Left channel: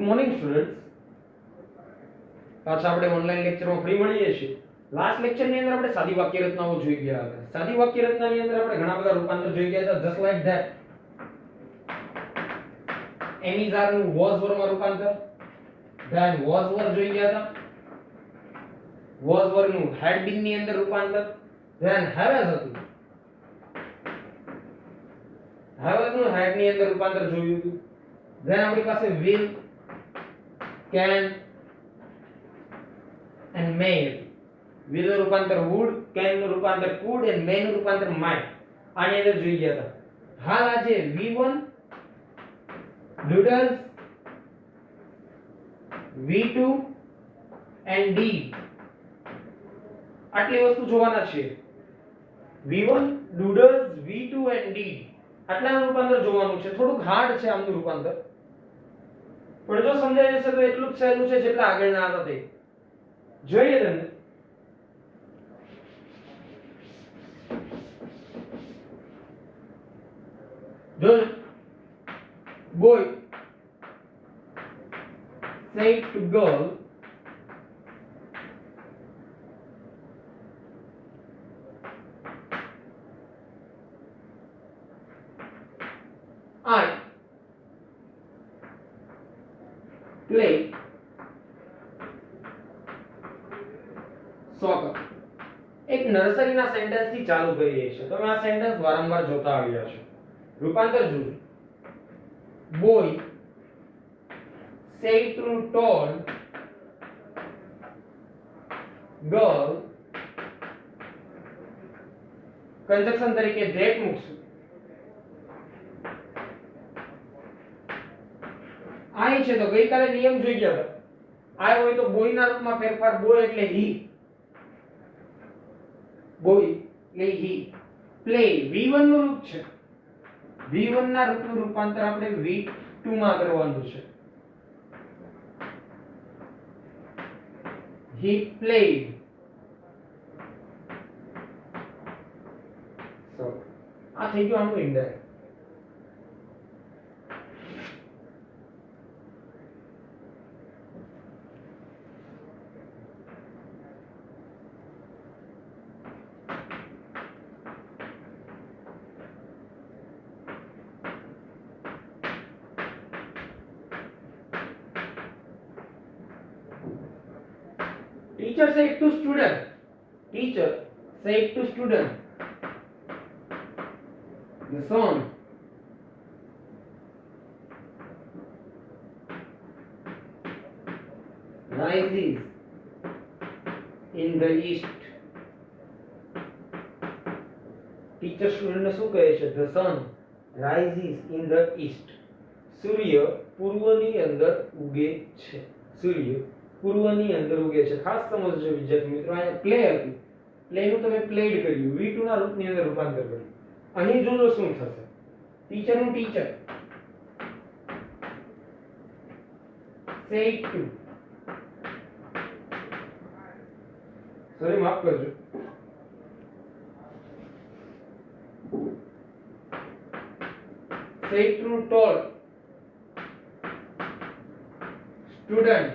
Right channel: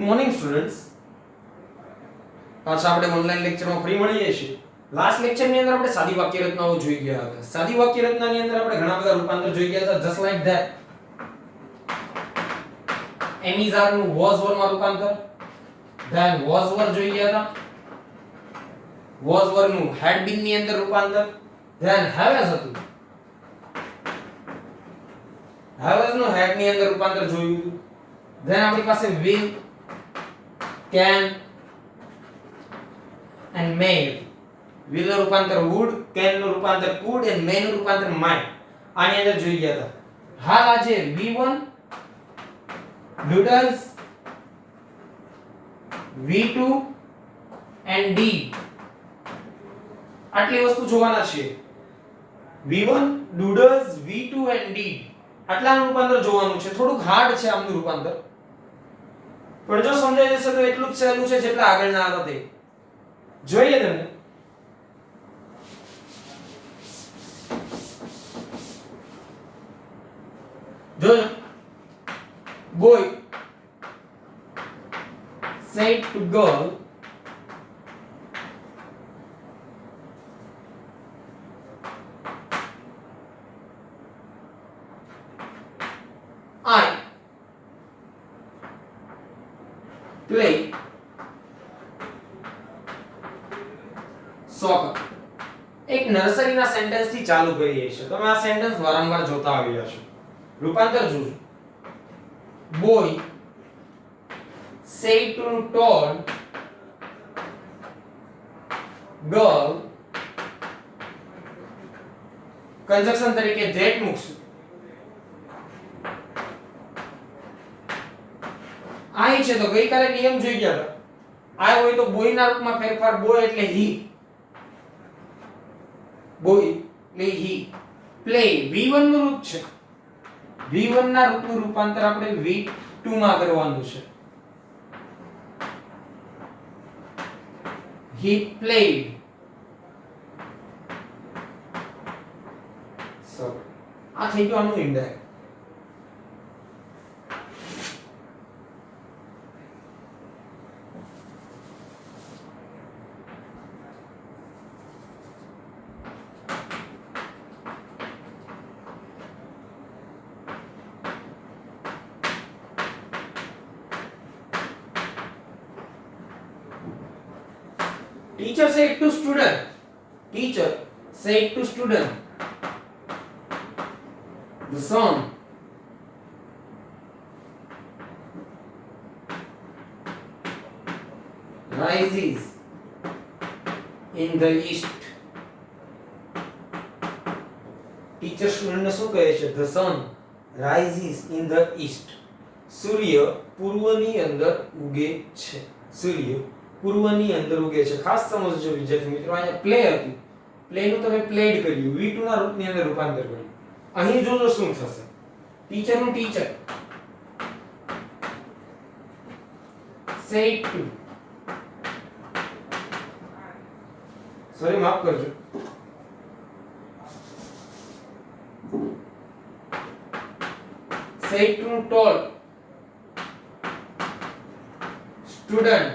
Good morning students. પાછા આપણે online લેક્ચરમાં ફ્રી મળીએ છીએ. લાસ્ટ લેક્ચરની અંદર આપણે સાદી વાક્ય રચનાઓ જોઈ ગયા હતા. સાદી વાક્ય રચનાની અંદર આપણે ઘણા બધા રૂપાંતર જોઈ ગયા હતા. જસ્ટ લાઈક ધેટ એમિઝાર નું વોઝ વર માં રૂપાંતર, ધેન વોઝ વર જોઈ ગયા હતા. વોઝ વર નું હેડ બીન ની અંદર રૂપાંતર, ધેન હેવેઝ હતું. હેવેઝ નું હેડ ની અંદર રૂપાંતર જોયું હતું. ધેન આપણી પાસે will, can and may. will નું રૂપાંતર would, can નું રૂપાંતર could and may નું રૂપાંતર might. આની અંદર જોઈ ગયા હતા. હાલ આજે V1, doodles, V2 and D આટલી વસ્તુ જોવાના છે. V1, doodles, V2 and D આટલાનું રૂપાંતર જોવાનું છે. થોડુંક હાર્ડ છે આમનું રૂપાંતર, પણ જો સમજાઈ જશે તો એટલું જ સહેલું છે જેટલા આગળના હતા તે. જોઈએ તમને. જોજો. boy said to girl, I play soccer. એક નર્સરીના સેન્ટેન્સ થી ચાલુ કરીએ છીએ. તમે આ સેન્ટેન્સ વારંવાર જોતા આવ્યા છો. રૂપાંતર જોજો. boy said to told girl, conjunction તરીકે that મૂકશું. આઈ છે તો ગઈકાલે નિયમ જોઈ ગયા હતા. આ હોય તો બોય ના રૂપમાં ફેરફાર, બોય એટલે he, બોય એટલે he. પ્લે V1 નું રૂપ છે. V1 ના રૂપનું રૂપાંતર આપણે V2 માં કરવાનું છે. he played. So આ થઈ ગયું આનું indirect. Teacher said to student. Teacher said to student, the sun rises in the east. Teacher student ને શું કહે છે? The sun rises in the east. સૂર્ય પૂર્વની અંદર ઉગે છે. સૂર્ય પૂર્વની અંદર ઉગે છે. ખાસ સમજજો વિદ્યાર્થી મિત્રો. અહીંયા પ્લે હતી, પ્લે નું તમે પ્લેડ કર્યું, V2 ના રૂપની અંદર રૂપાંતર કર્યું. અહીં જોજો શું થશે. ટીચર નું ટીચર said to, સોરી માફ કરજો, said to told student,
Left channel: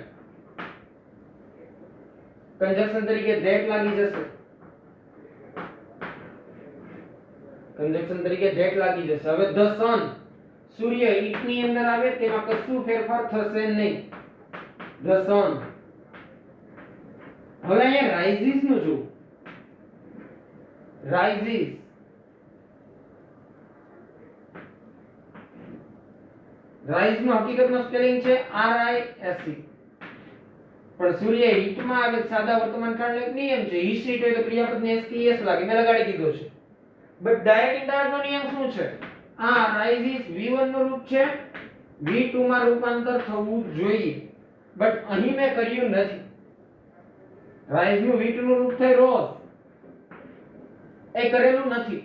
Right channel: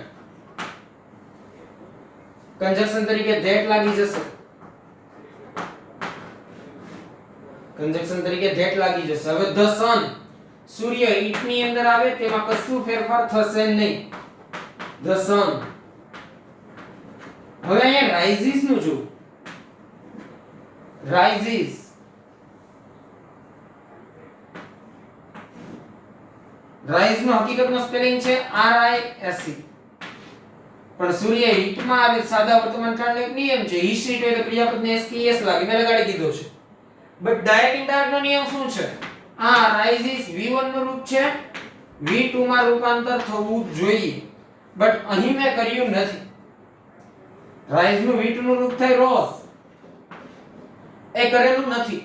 conjunction તરીકે that લાગી જશે. કંજક્શન તરીકે that લાગી જશે. હવે the sun, સૂર્ય it ની અંદર આવે તેમાં કશું ફેરફાર થશે નહીં. the sun. હવે અહીંયા rises નું જો, rises. rise નું હકીકતમાં સ્પેલિંગ છે RISE. પણ સૂર્ય હિટ માં આવે સાદા વર્તમાન કાળનો એક નિયમ છે. હિટ હિટ હોય તો ક્રિયાપદને SKS લાગે, મેં લગાડી દીધો છે. બટ ડાયરેક્ટ ઇનડાયરેક્ટ નો નિયમ શું છે? આ રાઇઝિસ V1 નું રૂપ છે, V2 માં રૂપાંતર થવું જોઈએ. બટ અહીં મેં કર્યું નથી. રાઇઝ નું V2 નું રૂપ થાય રોઝ, એ કરેલું નથી.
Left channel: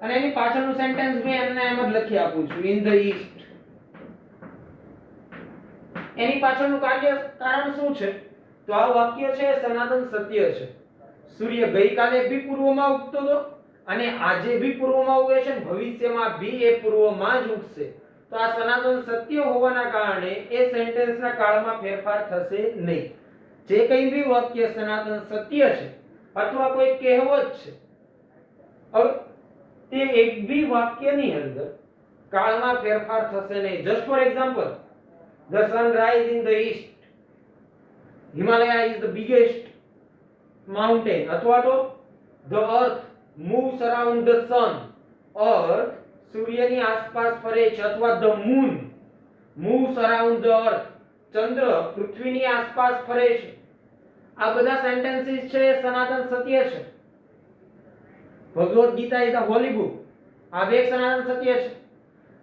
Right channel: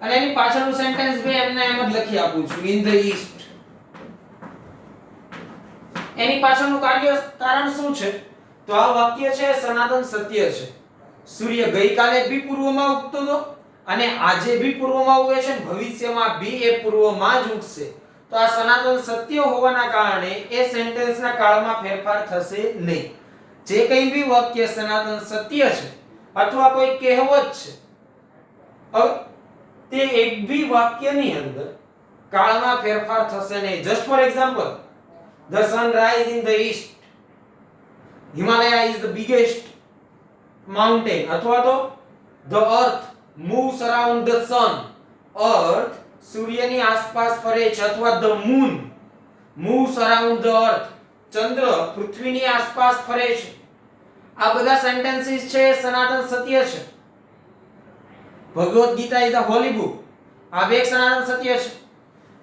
અને એની પાછળનું સેન્ટેન્સ મેં એમને એમ જ લખી આપું છું, ઇન ધ ઈસ્ટ. એની પાછળનું કારણ શું છે? તો આ વાક્ય છે સનાતન સત્ય છે. સૂર્ય ગઈકાલે બી પૂર્વમાં ઉગતો હતો અને આજે બી પૂર્વમાં ઉગે છે, ભવિષ્યમાં બી એ પૂર્વમાં જ ઉગશે. તો આ સનાતન સત્ય હોવાના કારણે એ સેન્ટેન્સના કાળમાં ફેરફાર થશે નહીં. જે કંઈ બી વાક્ય સનાતન સત્ય છે અથવા કોઈ કહેવત છે, હવે તે એક બી વાક્યની અંદર કાળમાં ફેરફાર થશે નહીં. Just for example, the sun rise in the east, Himalaya is the biggest mountain, અથવા તો the earth moves around the sun, earth સૂર્યની આસપાસ ફરે છે, અથવા the moon moves around the earth, ચંદ્ર પૃથ્વીની આસપાસ ફરે છે. આ બધા સેન્ટેન્સીસ છે સનાતન સત્ય છે. Bhagavad Gita is a holy book, આ બે સનાતન સત્ય છે.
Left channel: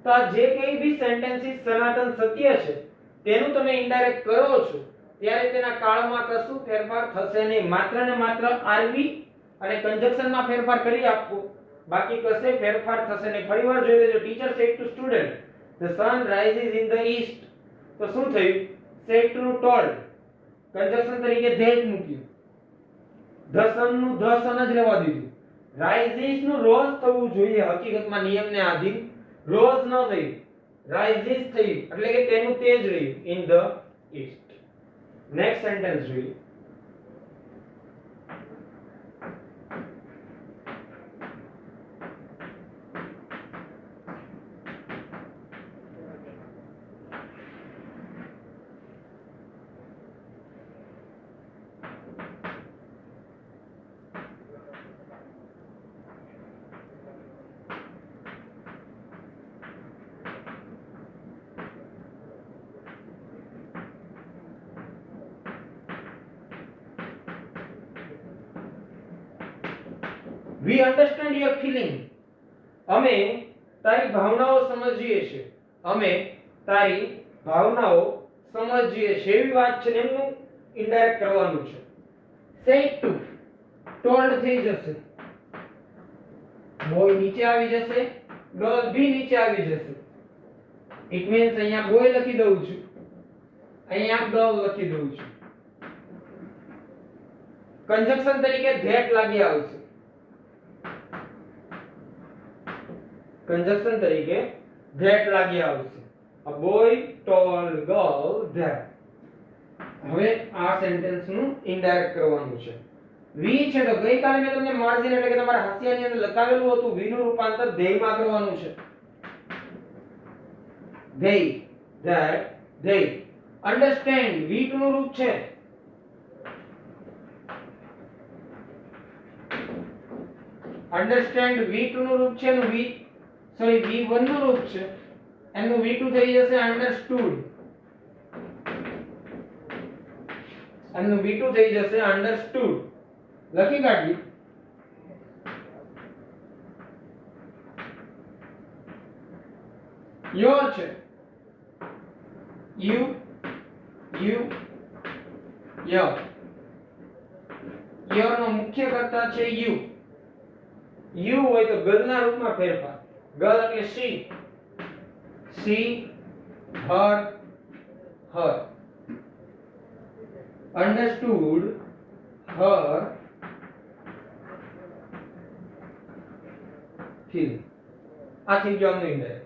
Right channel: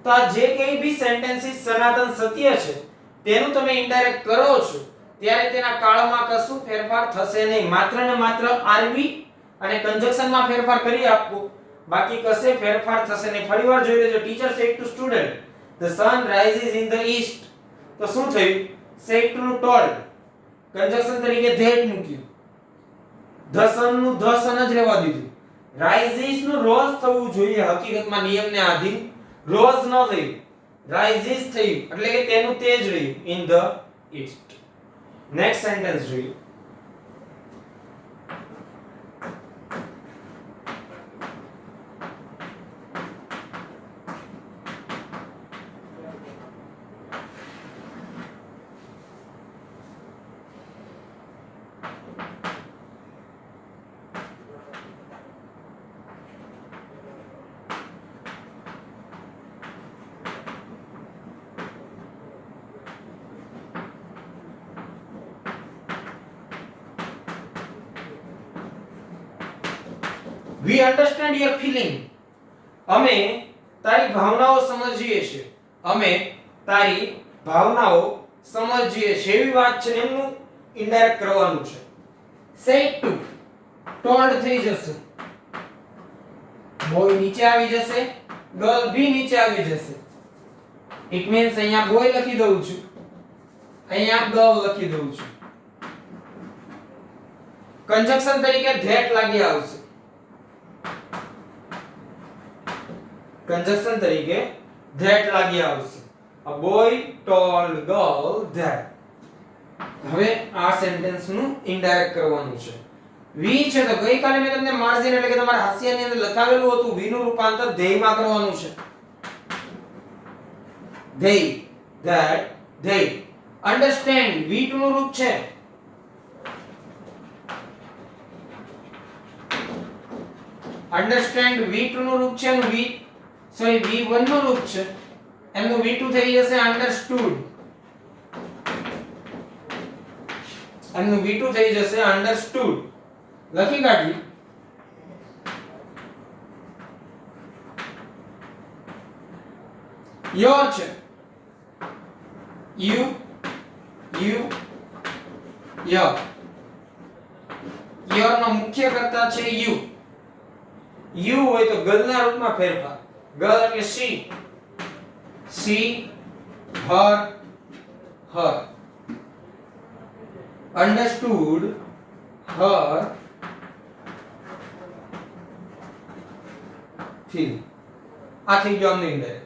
તો આ જે કંઈ બી સેન્ટેન્સીસ સનાતન સત્ય છે તેનું તમે ઇનડાયરેક્ટ કરો છો ત્યારે તેના કાળમાં કશું ફેરફાર થશે નહીં. માત્ર ને માત્ર આરવી અને કન્જક્શનમાં ફેરફાર કરી આપવું, બાકી કશે ફેરફાર થશે નહીં. ફરીવાર જોઈ લેજો. Teacher said to student the sun rises in the east, તો શું થયું? said to told, કન્જક્શન તરીકે that મૂક્યું. the sun નું the sun જ રહેવા દીધું. rises નું રોઝ થવું જોઈએ, હકીકતમાં નિયમને આધીન રોઝ ન થયું, rises થયું, એટલે કે તેનું તે જ રહ્યું, in the east. Next sentence જોઈએ. We understand your feeling. અમે તારી ભાવનાઓ સમજીએ છીએ. અમે તારી ભાવનાઓ સમજીએ છીએ. એવી વાત છે, એનું ઇનડાયરેક્ટ કરવાનું છે. said to told થઈ જશે. બોય નીચે આવી જશે, ગર્લ ભી નીચે આવી જશે. ઇટ મીન્સ અહીંયા બોય લખી દઉં છું, અહીંયા ગર્લ લખી દઉં છું. કન્જક્શન તરીકે that લાગી આવશે. કન્જક્શન તરીકે that લાગી આવશે. a boy told girl that. હવે આ સેન્ટેન્સ નું ઇનડાયરેક્ટ કરવાનું છે. વી છે તો ગઈકાલે મેં તમને માર્જિન એટલે કે તમારા હાસ્યની અંદર લખાવેલું હતું, વી નું રૂપાંતર ધ્યેય માં કરવાનું છે. ધ્યેય, that, ધ્યેય. અન્ડરસ્ટેન્ડ V2 નું રૂપ છે. અન્ડરસ્ટેન્ડ V2 નું રૂપ છે અને V1 નું રૂપ છે. એમનું V2 થઈ જશે અંડરસ્ટૂડ. એમનું V2 થઈ જશે અંડરસ્ટૂડ. લખી કાઢી. યોર છે. You your. યોર નો મુખ્ય કર્તા છે યુ. યુ હોય તો ગર્લના રૂપમાં ફેરફાર. ગર્લ એટલે she, her. understood, her feeling. આ થઈ ગયો અમને ઇન્ડાયરેક્ટ.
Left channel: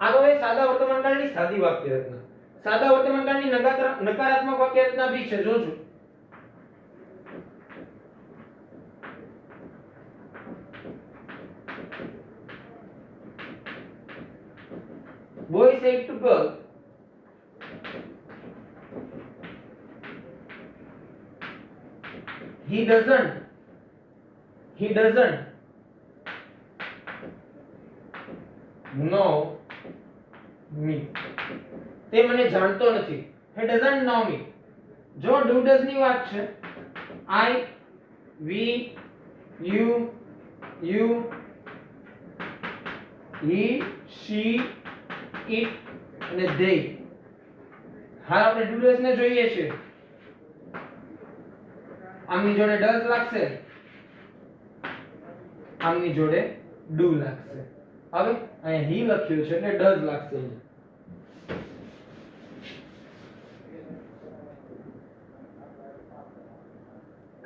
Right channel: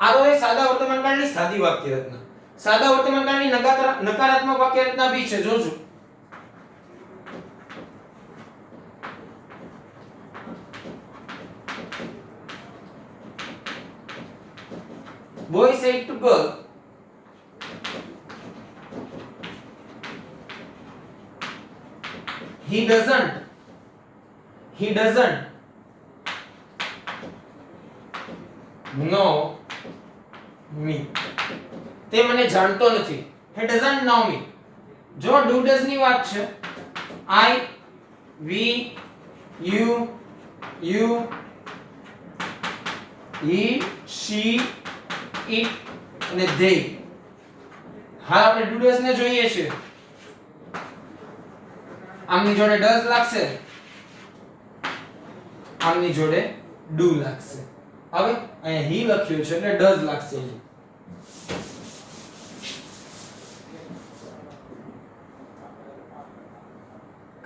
આ તો એ સાદા વર્તમાનકાળની સાદી વાક્ય રચના. સાદા વર્તમાનકાળની નકારાત્મક વાક્ય રચના બી છે, જોજો. boy said to girl, he doesn't know me. તે મને જાણતો નથી. he doesn't know me. જો do does ની વાત છે, I, we, you, he, she, it અને they. હાલ આપણે do does ને જોઈએ છે. આમની જોડે does લાગશે, આમની જોડે do લાગશે. હવે અહીંયા he લખ્યું છે એટલે does લાગશે.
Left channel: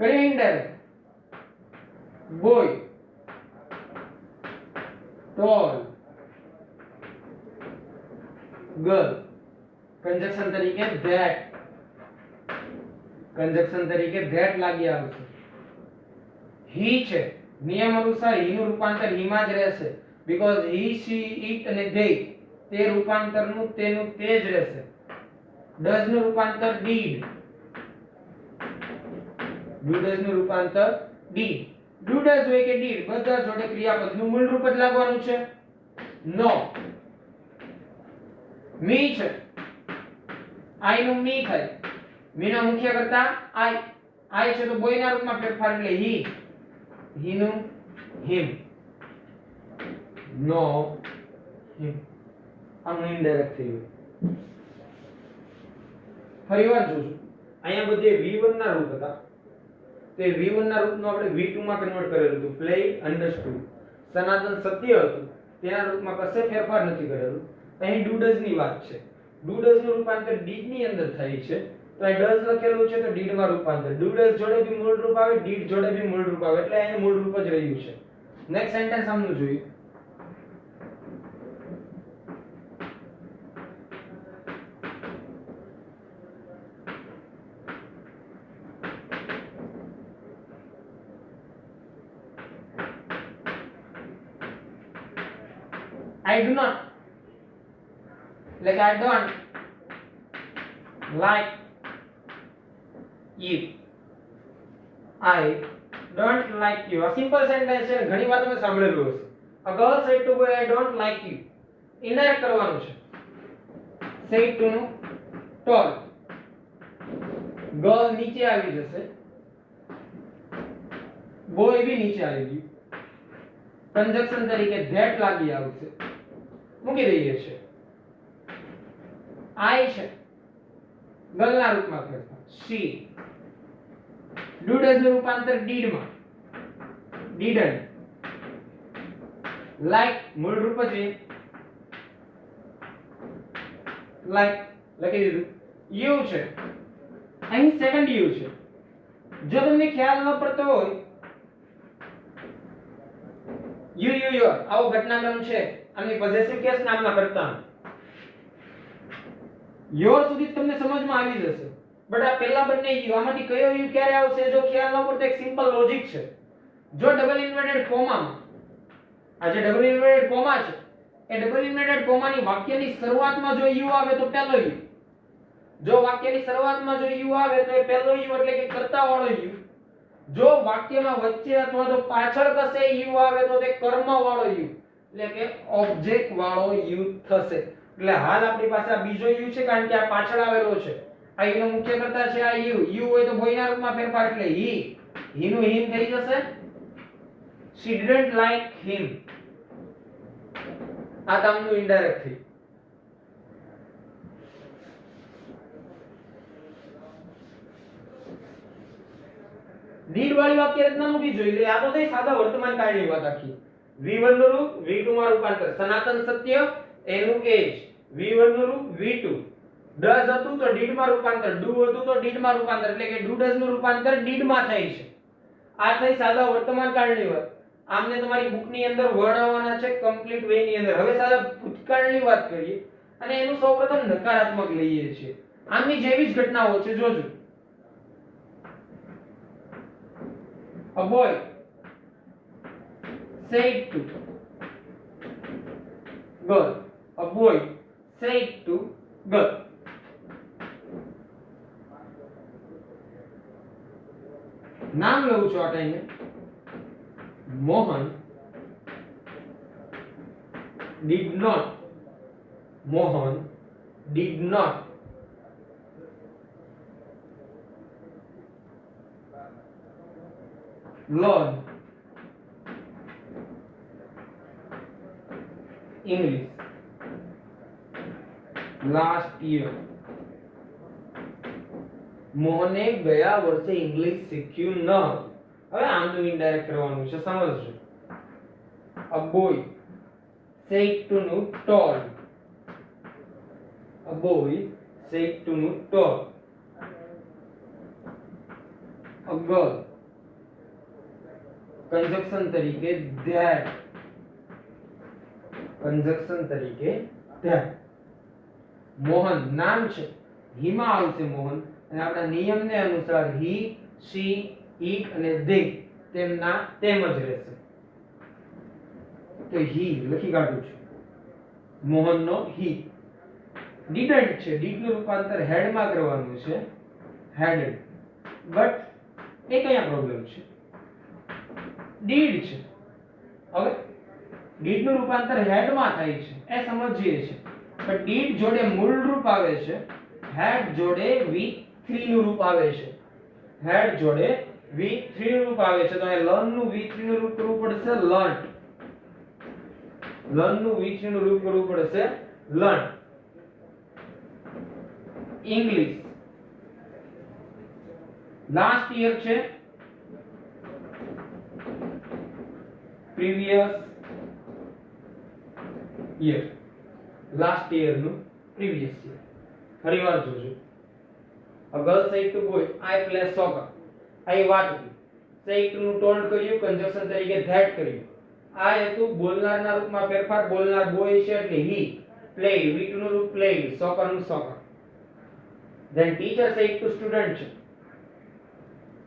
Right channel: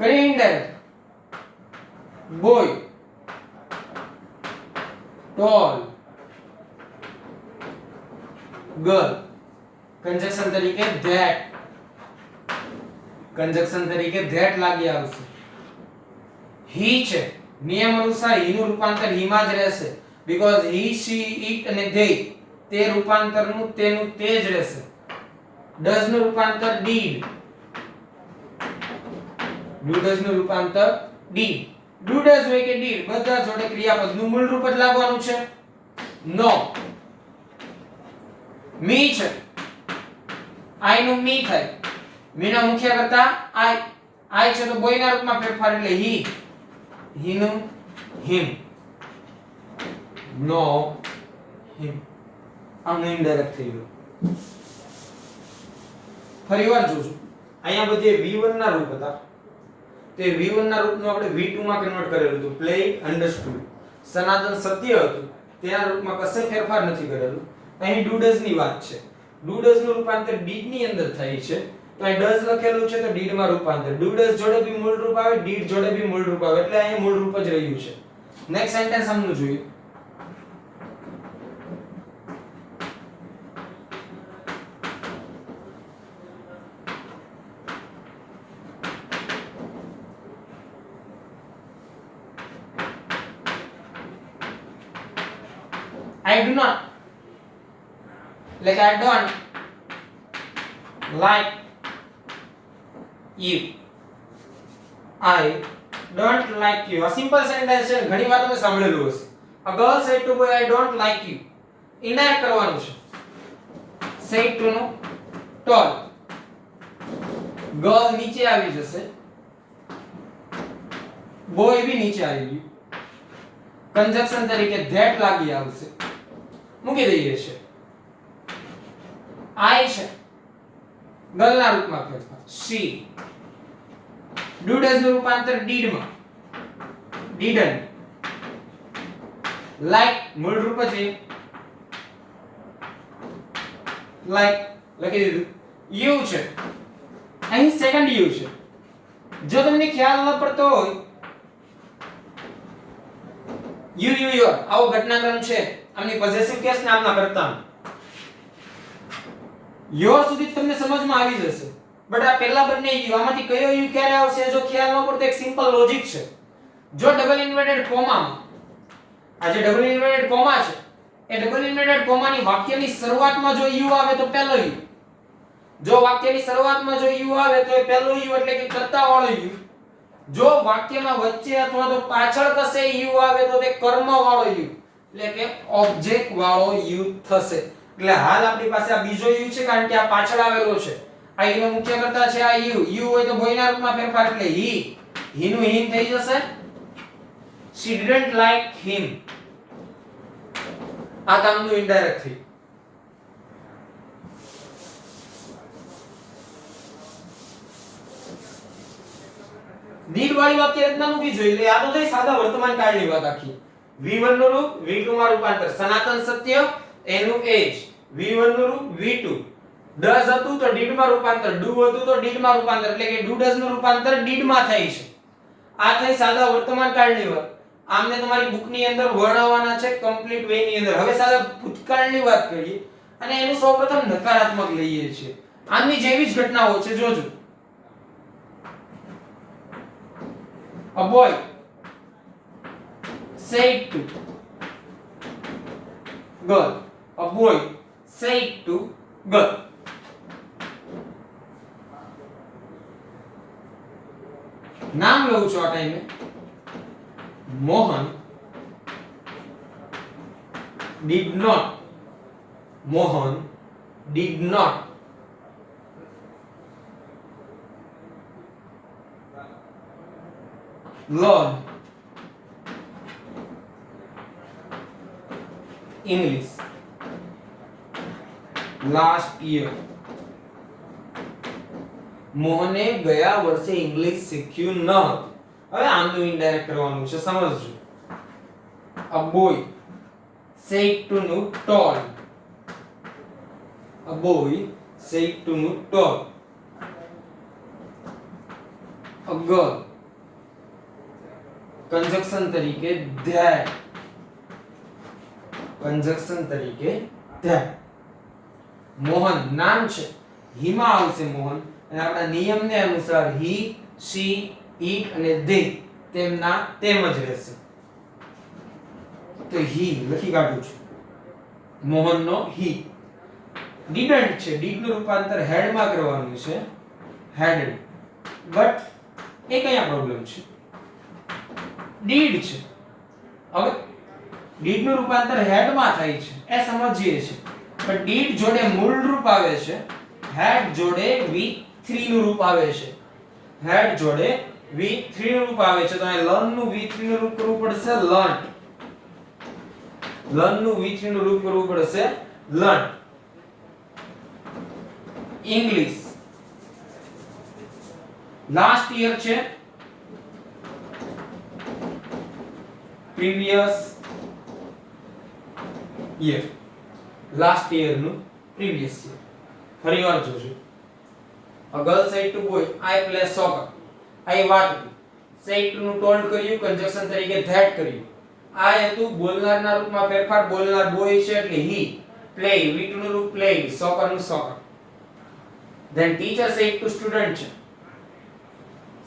કરી indirect boy toll girl conjunction તરીકે ધેટ લાગી આવશે. હી છે નિયમ અનુસાર હી નું રૂપાંતર હી માં જ રહેશે બીકોઝ હી શી ઇટ અને ધે તે રૂપાંતરનું તેનું તે જ રહેશે. ડઝ નું રૂપાંતર ડીડ ડુ ડઝ નું રૂપાંતર ડીડ ડુ ડઝ હોય કે ડીડ બધા જોડે ક્રિયાપદ નું મૂળ રૂપ જ લાગવાનું છે. નો મી છે આઈ નું મી થાય મી ના મુખ્ય કરતા આઈ છે તો બોય ના રૂપમાં ફેરફાર એટલે હી નું હિમ નો હિમ આમ ઇનડાયરેક્ટ થઈ ગયું. ફરીવાર જોજો અહીંયા બધે v1 ના રૂપ હતા તે v1 ના રૂપનું આપણે v2 માં કન્વર્ટ કરેલું હતું પ્લે અન્ડરસ્ટુડ. સનાતન સત્ય હતું તેના રૂપમાં કશે ફેરફાર નથી કરેલું. અહીં ડુ ડઝ ની વાત છે. ડુ ડઝ નું રૂપાંતર ડીડ ની અંદર થાય છે તો અહીં ડઝ લખેલું છે તો ડીડ માં રૂપાંતર. ડુ ડઝ જોડે બી મૂળ રૂપ આવે ડીડ જોડે બી મૂળ રૂપ આવે એટલે અહીં મૂળ રૂપ જ રહ્યું છે. નેક્સ્ટ સેન્ટેન્સ સમજવું જોઈએ. I do not like I don't like you. I don't like you. A simple sentence છે ઘણી વાર તમે સાંભળેલું હશે. A girl said to boy I don't like you. Indirect કરવાનું છે. said to નું told. girl નીચે આવી જશે. boy બી નીચે આવી ગયું. કંજક્શન તરીકે ધેટ લાગી આવશે. મૂકી દઈએ છે. આઈ છે ગર્લ ના રૂપમાં ફેરફાર she. ડુ ડઝ નું રૂપાંતર ડીડ માં didn't. like મૂળ રૂપ છે like લખી દીધું. you છે અહીં સેકન્ડ you છે. જો તમને ખ્યાલ ન પડતો હોય your આવો ઘટનાક્રમ છે આની પોઝેસિવ કેસ નામના કરતા યોર સુધી તમને સમજમાં આવી જશે. બટ આ પહેલા બંને યુ આમાંથી કયો યુ ક્યારે આવશે જો ખ્યાલ ન પડતો એક સિમ્પલ લોજિક છે. જો ડબલ ઇન્વર્ટેડ કોમામાં આ જે ડબલ ઇન્વર્ટેડ કોમા છે એ ડબલ ઇન્વર્ટેડ કોમાની વાક્યની શરૂઆતમાં જો યુ આવે તો પહેલો યુ. જો વાક્યની શરૂઆતમાં જો યુ આવે તો એ પહેલો યુ એટલે કે કર્તા વાળો યુ. જો વાક્યમાં વચ્ચે અથવા તો પાછળ કશે યુ આવે તો તે કર્મ વાળો યુ એટલે કે ઓબ્જેક્ટ વાળો યુ થશે. એટલે હાલ આપણી પાસે આ બીજો યુ છે કારણ કે આ પાછળ આવેલો છે. આ યુ નો મુખ્ય કર્તા છે આ યુ. યુ હોય તો બોયના રૂપમાં ફેરફાર એટલે હી નું હિમ થઈ જશે. she didn't like him. આ કામનું ઇનડાયરેક્ટ થઈ. ડીડ વાળી વાક્ય રચના મૂકી જોઈએ. એટલે આ તો થઈ સાદા વર્તમાન કાળની વાત આખી. v1 નું રૂપ v2 માં રૂપાંતર. સનાતન સત્ય એનું એજ. v1 નું રૂપ v2. ડઝ હતું તો ડીડ માં રૂપાંતર. ડુ હતું તો ડીડ માં રૂપાંતર. એટલે કે ડુ ડઝ નું રૂપાંતર ડીડ માં થાય છે. આ થઈ સાદા વર્તમાન કાળની વાત. આમને તમારી બુક ની અંદર વર્ણવવાના છે કમ્પ્લીટ વે ની અંદર. હવે સાદા ભૂતકાળની વાત કરીએ અને એનું સૌપ્રથમ નકારાત્મક લઈએ છીએ. આની જેવી જ ઘટનાઓ છે જોજો. A boy said to girl. A boy said to girl. નામ લઉં છું આ ટાઈમે. Mohan did not. Mohan did not learn English last year. મોહને ગયા વર્ષે ઇંગ્લિશ શીખ્યું ન હતું. હવે આનું ઇનડાયરેક્ટ કરવાનું છે સમજજો. A boy said to નું told. A boy said to નું told. A girl कंजक्शन तरीके that, कंजक्शन तरीके that. मोहन नाम છે, હિમા આવશે મોહન, અને આપણા નિયમને અનુસાર he, she, it અને they તેમના તેમ જ રહેશે. તો he લખી કાઢું છું, મોહનનો he. didn't છે, did નું રૂપાંતર had માં કરવાનું છે, hadn't. બટ એ કયા પ્રોબ્લેમ છે? did છે. હવે did નું રૂપાંતર had માં થાય છે એ સમજીએ છે, પણ did જોડે મૂળ રૂપ આવે છે, had જોડે v3 નું રૂપ આવે છે, had જોડે v3 નું રૂપ આવે છે. તો અહીં learn નું v3 નું રૂપ કરવું પડશે learnt, learn નું v3 નું રૂપ કરવું પડશે learnt. English લાસ્ટ યર છે, previous year, લાસ્ટ યર નું previous year. ફરીવાર જોજો. A girl said to boy, I play soccer. આ એ વાત હતી. said to નું told કર્યું, કંજક્શન તરીકે that કર્યું. આ હતું બોલનારના રૂપમાં ફેરફાર, બોલનાર boy છે એટલે he. play v2 નું રૂપ played, soccer નું soccer. then teacher said to student છે,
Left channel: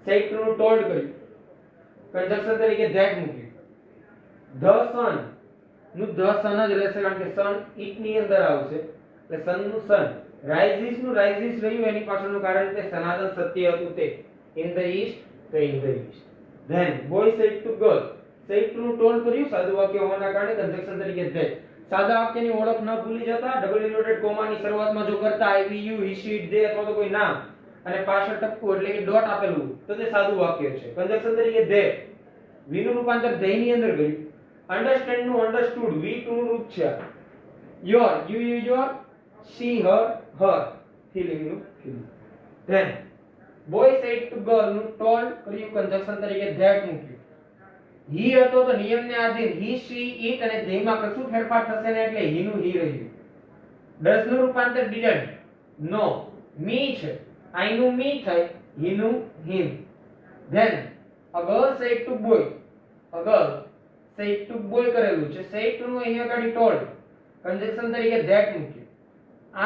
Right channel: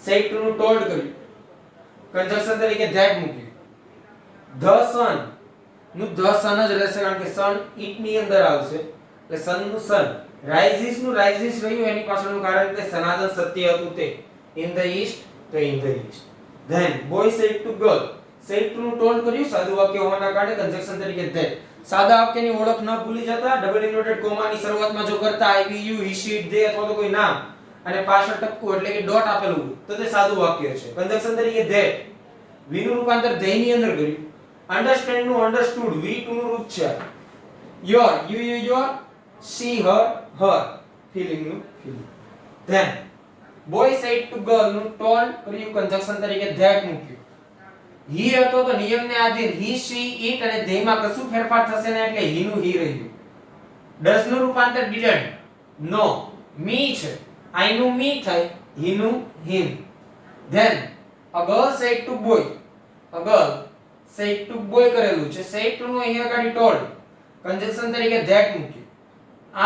said to નું told કર્યું, કંજક્શન તરીકે that મૂક્યું. the sun નું the sun જ રહેશે, કારણ કે sun it ની અંદર આવશે એટલે sun નું sun. rises નું rises રહ્યું, એની પાછળનું કારણ કે સનાતન સત્ય હતું તે. in the east તો in the east. then boy said to girl, said to નું told કર્યું, સાદું વાક્ય હોવાના કારણે કંજક્શન તરીકે that. સાદા વાક્યની ઓળખ ન ભૂલી જતા, ડબલ ઇન્વર્ટેડ કોમાની શરૂઆતમાં જો કરતા I, we, you, he, she, it, they અથવા તો કોઈ નામ અને પાછળ ટપકું એટલે કે ડોટ આપેલું હોય તો તે સાદું વાક્ય છે. કંજક્શન તરીકે that. v નું રૂપાંતર they ની અંદર કર્યું. understand નું understood, v2 નું રૂપ છે your, you, your, she, her, feeling નું feeling. then boy said to girl નું told કર્યું, કંજક્શન તરીકે that મૂક્યું. he હતો તો નિયમને આધીન he, she, it અને they માં કશું ફેરફાર થશે ને એટલે he નું he રહ્યું. does નું રૂપાંતર didn't. no me છે, I નું me થાય, he નું him. then a girl said to boy, a girl said to boy કરેલું છે, said to નું અહીંયા આગળ told, કંજક્શન તરીકે that મૂક્યું.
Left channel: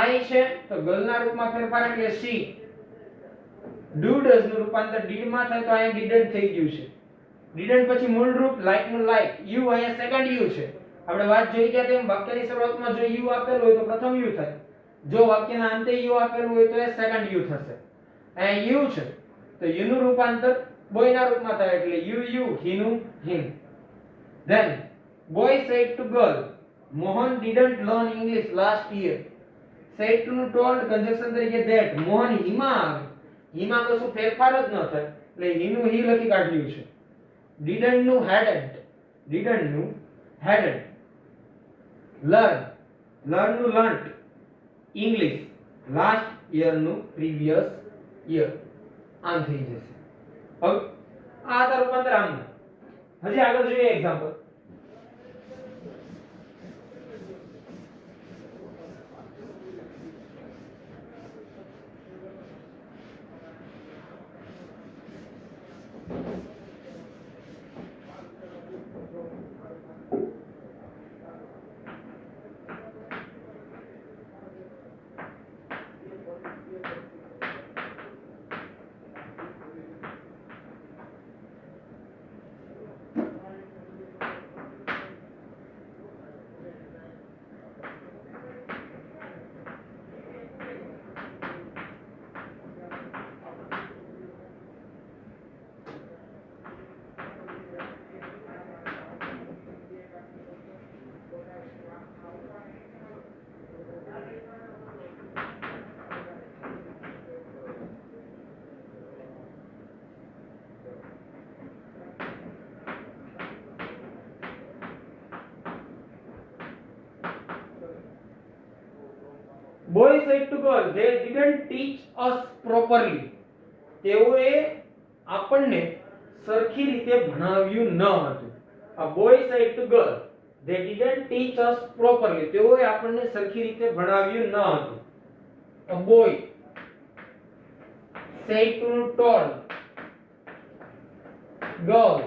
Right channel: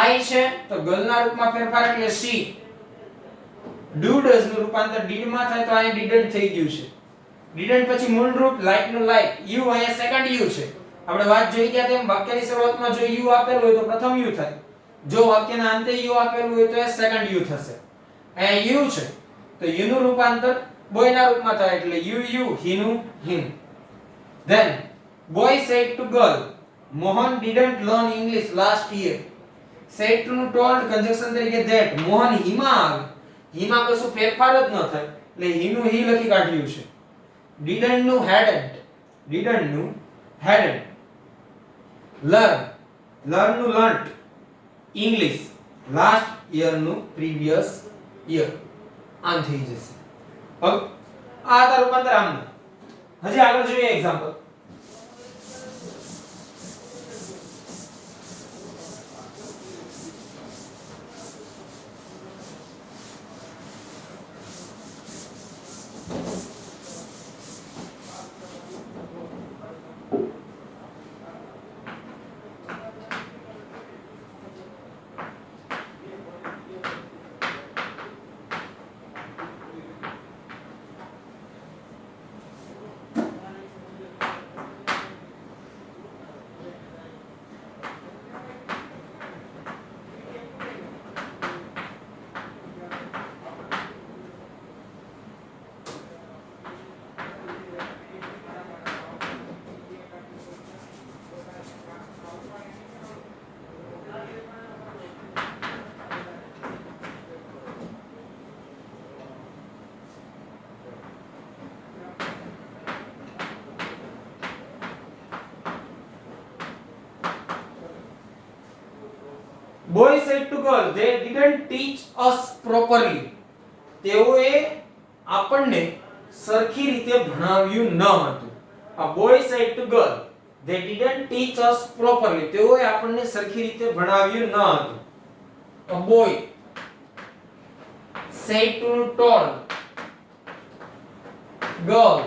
I છે તો girl ના રૂપમાં ફેરફાર એટલે she. do does નું રૂપાંતર did માં થાય તો અહીં didn't થઈ ગયું છે. didn't પછી મૂળ રૂપ like નું like, you અહીંયા સેકન્ડ you છે. આપણે વાત જોઈ ગયા તેમ વાક્યની શરૂઆતમાં જો you આપેલું હોય તો પ્રથમ you થાય, જો વાક્યના અંતે you આપેલું હોય તો એ સેકન્ડ you થશે. અહીંયા you છે તો you નું રૂપાંતર boy ના રૂપમાં થાય એટલે you, he નું him. then boy said to girl, Mohan didn't learn English last year. said to નું told, કંજક્શન તરીકે that. મોહન હિમા આવે, હિમા કશું ફેરફાર જ ન થાય એટલે he નું he લખી કાઢ્યું છે. didn't નું hadn't, didn't નું hadn't. learn, learn નું learnt. English last year નું previous year. આમ થઈ જશે. હવે આ હતા રૂપાંતર આમના. હજી આગળ જોઈએ example. boy said to girl, they didn't teach us properly. તેઓએ આપણને સરખી રીતે ભણાવ્યું ન હતું. a boy said to girl, they didn't teach us properly. તેઓએ આપણને સરખી રીતે ભણાવ્યું ન હતું. a boy said to told girl,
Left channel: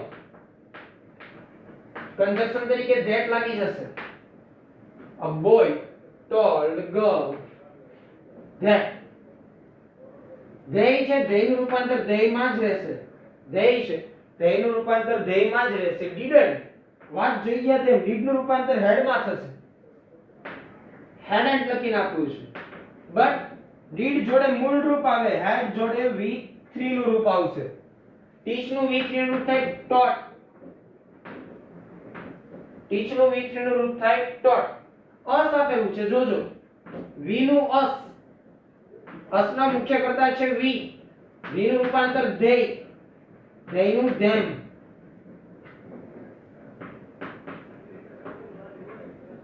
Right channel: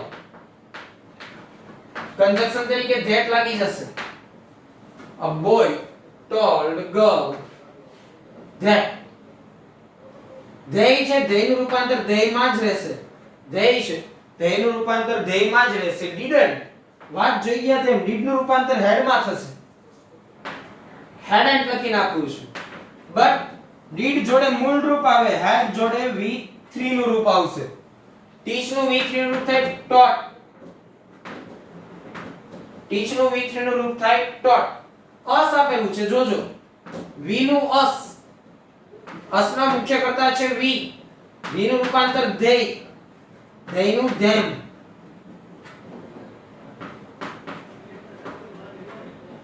conjunction તરીકે ધેટ લાગી જશે. A boy told girl that. They છે, ધેયનું રૂપાંતર ધેયમાં જ રહેશે. ધેય છે, ધેયનું રૂપાંતર ધેયમાં જ રહેશે. didn't વાત જોઈ ગયા તેમ did નું રૂપાંતર head માં થશે. hadn't લખી નાખ્યું છે. but did જોડે મૂળ રૂપ આવે, had જોડે V3 નું રૂપ આવશે. teach નું V3 નું રૂપ થાય taught. teach નું V3 નું રૂપ થાય taught. અસ આપેલું છે જોજો. v નું અસ, અસના મુખ્ય કર્તા છે v. v નું રૂપાંતર they, they નું them.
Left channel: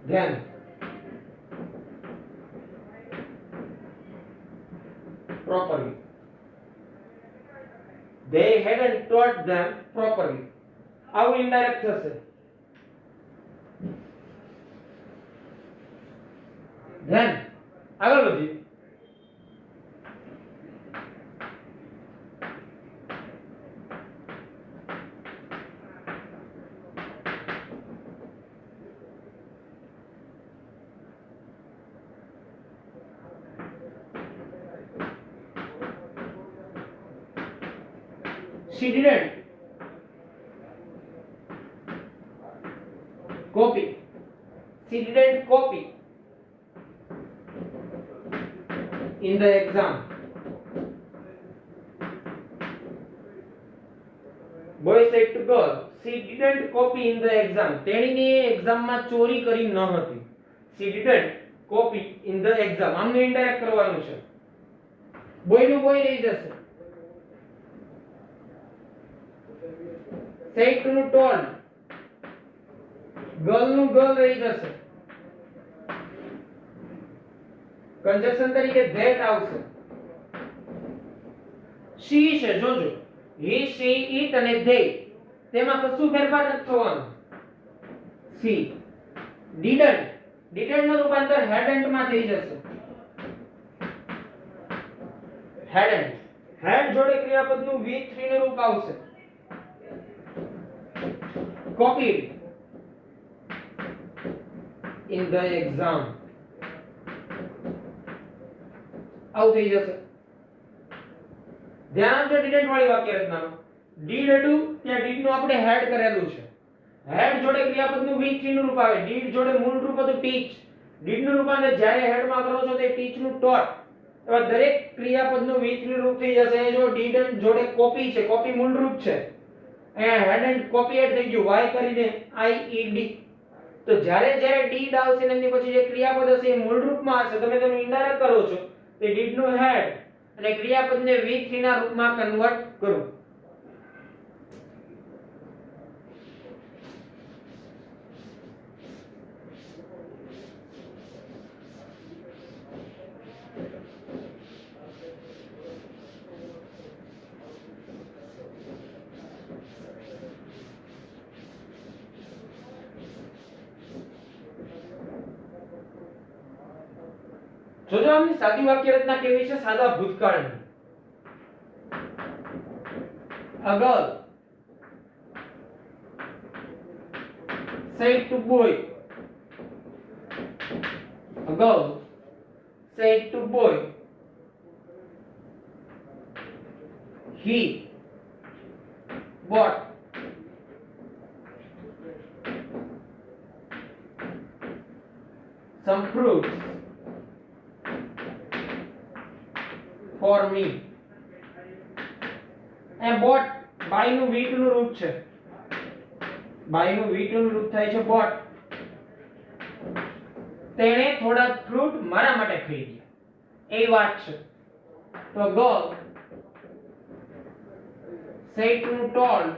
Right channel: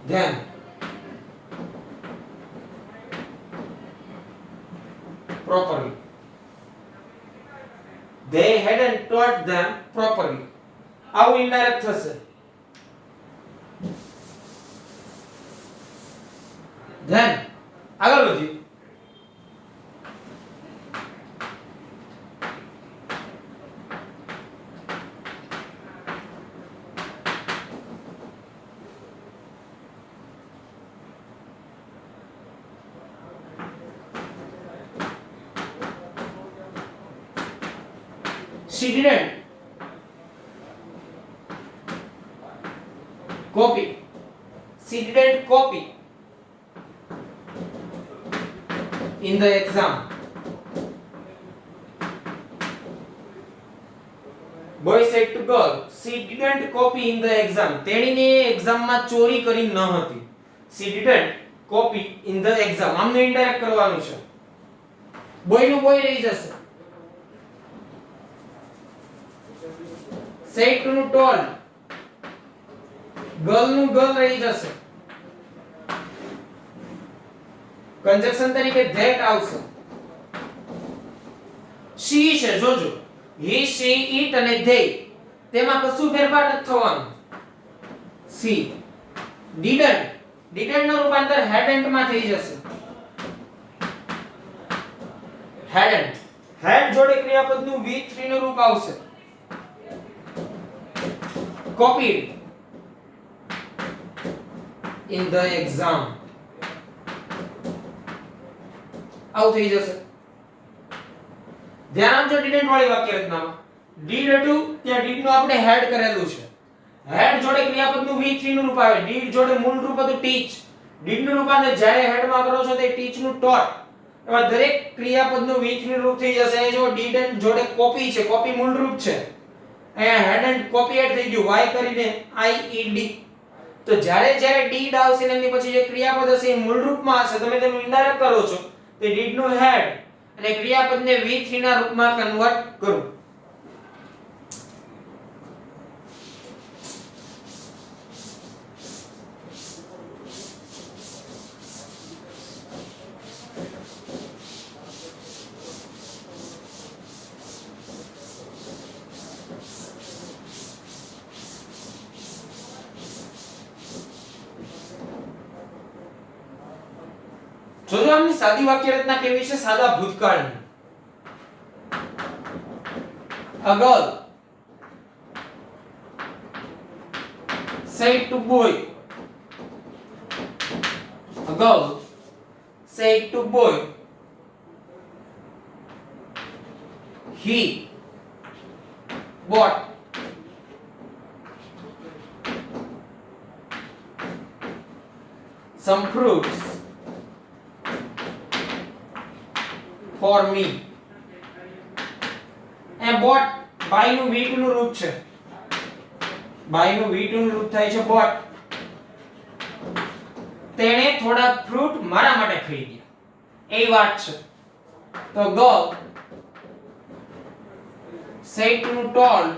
them properly. They hadn't taught them properly. આવું ઇનડાયરેક્ટ થશે. then આગળ વધીએ. She didn't copy. She didn't copy in the exam. Boy said to girl, she didn't copy in the exam. તેણીને એક્ઝામમાં ચોરી કરી ન હતી. She didn't copy in the exam. આમને ઇનડાયરેક્ટ કરવાનું છે. બોય નું બોય રહી જશે. said to નું told. girl નું girl રહી જશે. કંજક્શન તરીકે that આવશે. she છે જોજો. he, she, it અને they. તેમાં કશું ફેરફાર નથી થવાનો. she didn't. didn't નું રૂપાંતર hadn't માં થઈ જશે. hadn't. had જોડે ક્રિયાપદનું V3 નું રૂપ આવશે. copied in the exam. આવું થઈ જશે. ધ્યાન આપજો didn't વાળી વાક્ય રચનામાં. did હતું ત્યાં did નું આપણે had કરેલું છે. had જોડે ક્રિયાપદનું V3 નું રૂપ આવે. did જોડે મૂળ રૂપ હતું teach. did નું રૂપાંતર જ્યારે had માં કરો છો તે teach નું taught. એવા દરેક ક્રિયાપદનું V3 નું રૂપ થઈ જશે. જો didn't જોડે copy છે, copy મૂળ રૂપ છે. અહીંયા hadn't copied થઈ ગયું y કરીને ied. તો જ્યારે જ્યારે did આવશે ને એની પછી જે ક્રિયાપદ હશે એ મૂળ રૂપમાં હશે. તમે તેનું ઇનડાયરેક્ટ કરો છો તે did નું had અને ક્રિયાપદને V3 ના રૂપમાં કન્વર્ટ કરો. જોજો આમની સાદી વાક્ય રચના કેવી છે, સાદા ભૂતકાળની. A girl said to boy. A girl said to boy, he bought some fruits for me. A bought by નું V2 નું રૂપ છે. by નું V2 નું રૂપ થાય છે bought. તેણે થોડા ફ્રૂટ મારા માટે ખરીદ્યા. એ વાત છે. તો girl said નું told.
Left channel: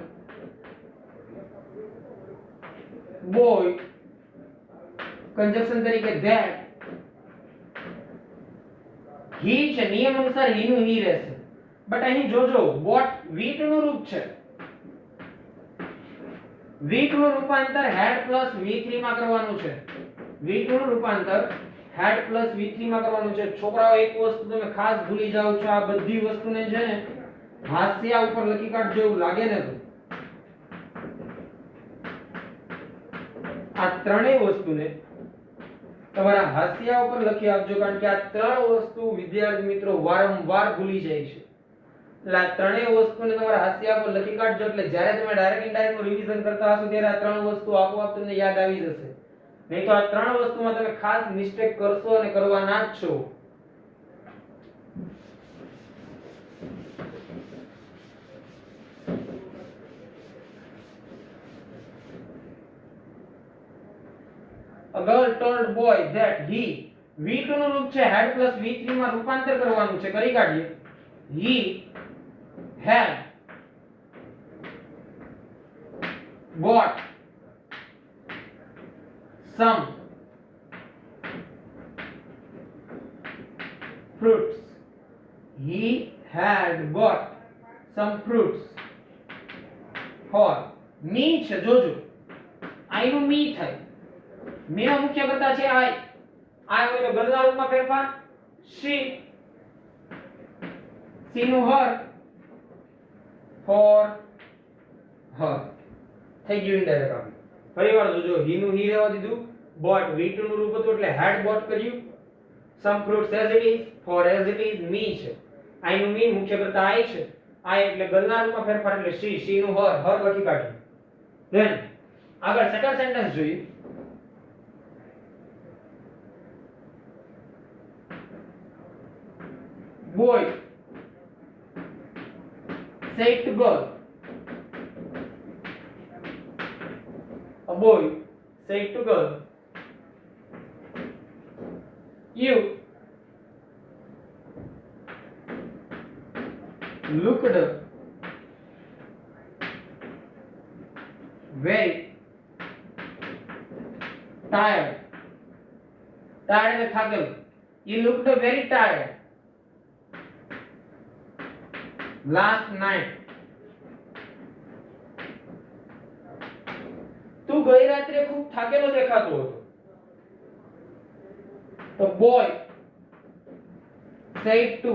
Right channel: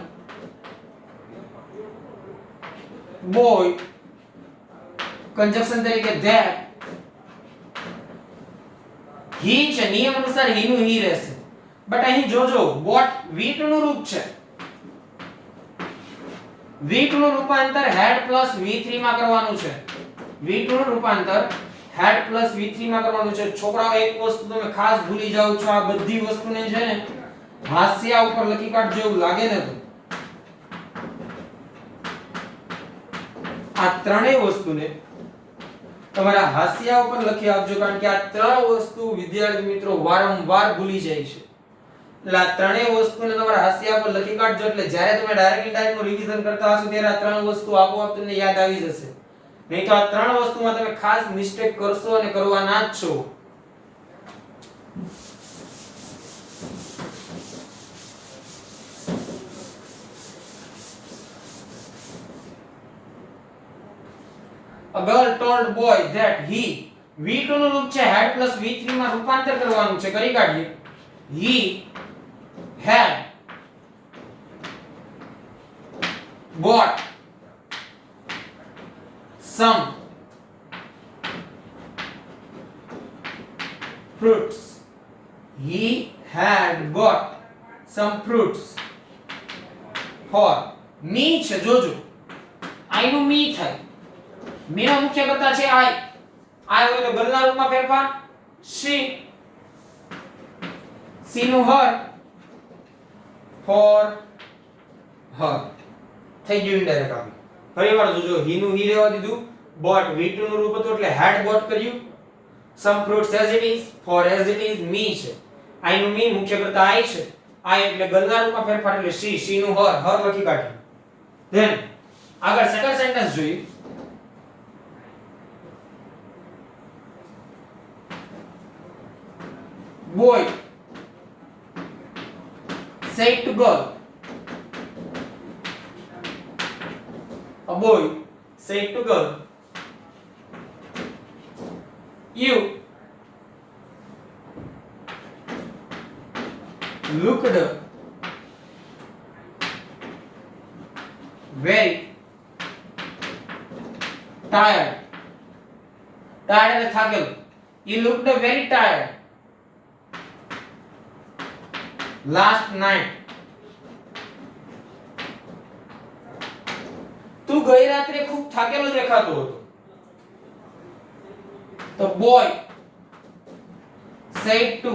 boy કંજક્શન તરીકે that. he છે, નિયમ અનુસાર he નું he રહેશે. બટ અહીં જોજો bought V2 નું રૂપ છે. V2 નું રૂપાંતર had plus V3 માં કરવાનું છે. V2 નું રૂપાંતર had plus V3 માં કરવાનું છે. છોકરાઓ એક વસ્તુ તમે ખાસ ભૂલી જાવ છો, આ બધી વસ્તુને છે ને હાસ્યા ઉપર લખી કાઢજો એવું લાગે ને તો આ ત્રણેય વસ્તુને તમારા હાંસિયા ઉપર લખી આપજો, કારણ કે આ ત્રણ વસ્તુ વિદ્યાર્થી મિત્રો વારંવાર ભૂલી જાય છે. એટલે આ ત્રણેય વસ્તુને તમારા હાંસિયા પર લખી કાઢજો, એટલે જ્યારે તમે ડાયરેક્ટ ઇનડાયરેક્ટ નું રિવિઝન કરતા હશો ત્યારે આ ત્રણ વસ્તુ આપોઆપ તમને યાદ આવી જશે. નહીં તો આ ત્રણ વસ્તુમાં તમે ખાસ મિસ્ટેક કરશો અને કરવાના જ છો. A girl told boy that he V2 નું રૂપ છે had plus V3 માં રૂપાંતર કરવાનું છે. કરી કાઢીએ. He had bought some fruits. He had bought some fruits for me છે. જોજો I નું me થાય. me નો મુખ્ય કર્તા છે I. I હોય તો ગલના રૂપમાં ફેરફાર she. she નું her for her થઈ ગયું ઇનડાયરેક્ટ આવી. ફરીવાર જોજો he નું he રહેવા દીધું. bought V2 નું રૂપ હતું એટલે had bought કર્યું. some fruits as it is for as it is me છે. I નું me મુખ્ય કર્તા I છે. I એટલે ગલના રૂપમાં ફેરફાર એટલે she નું her લખી કાઢ્યું. ધેન આગળ સેકન્ડ સેન્ટેન્સ જોઈએ. boy said to girl. A boy said to girl, you looked very tired. Tired એટલે થાકેલો. You looked very tired last night. તું ગઈ રાત્રે ખૂબ થાકેલો દેખાતો હતો. તો boy said to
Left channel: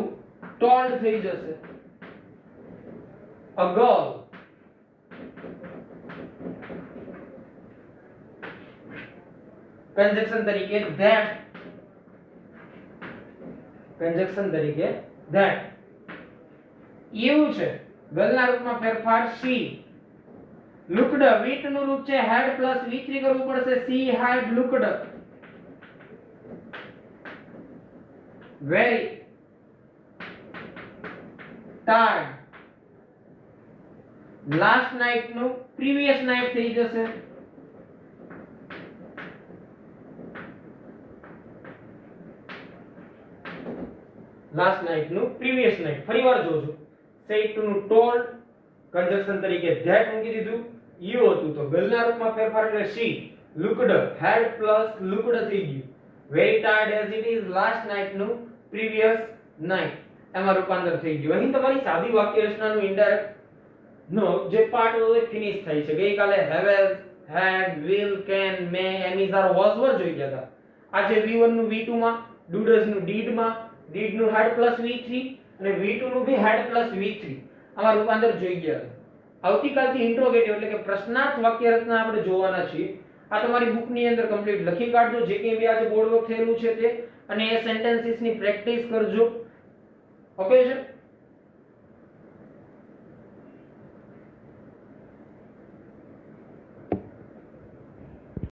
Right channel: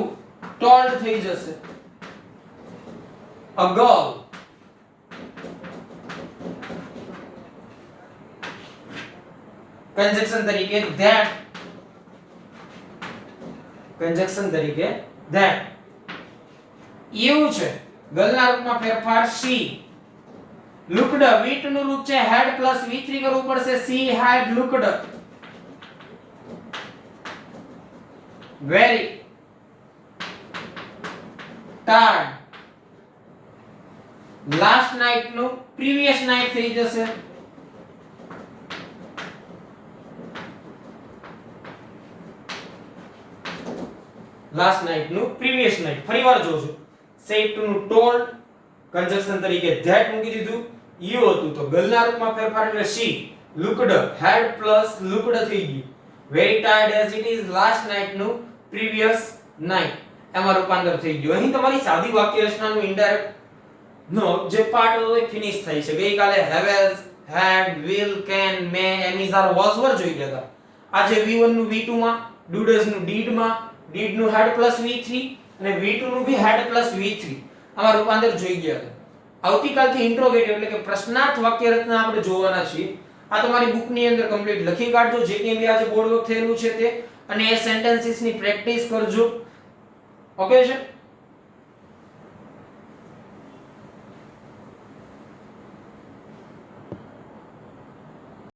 told થઈ જશે. a girl conjunction તરીકે that. conjunction તરીકે that. એવું છે ગલના રૂપમાં ફેરફાર she. looked V2 નું રૂપ છે had plus V3 કરવું પડશે. she had looked very tired last night નું previous night થઈ જશે. last night નું previous night. ફરીવાર જોજો said to નું told conjunction તરીકે that મૂકી દીધું. you હતું તો ગલના રૂપમાં ફેરફાર એટલે she. looked had plus looked થઈ ગયું. very tired as it is last night નું previous night એમાં રૂપાંતર થઈ ગયું. અહીં તમારી સાદી વાક્ય રચનાનું ઇનડાયરેક્ટ નો જે પાર્ટ હતો એ ફિનિશ થઈ છે. ગઈકાલે have has had will can may am is are was were જોઈ ગયા હતા. આજે V1 નું V2 માં, do does નું did માં, did નું had plus V3 અને V2 નું ભી had plus V3 આમાં રૂપાંતર જોઈ ગયા હતા. આવતીકાલથી ઇન્ટ્રોગેટિવ એટલે કે પ્રશ્નાર્થ વાક્ય રચના આપણે જોવાના છીએ. આ તમારી બુકની અંદર કમ્પ્લીટ લખી કાઢજો જે કે બી આજે બોર્ડ વર્ક થયેલું છે તે, અને એ સેન્ટેન્સીસ ની પ્રેક્ટિસ કરજો. ઓકે છે.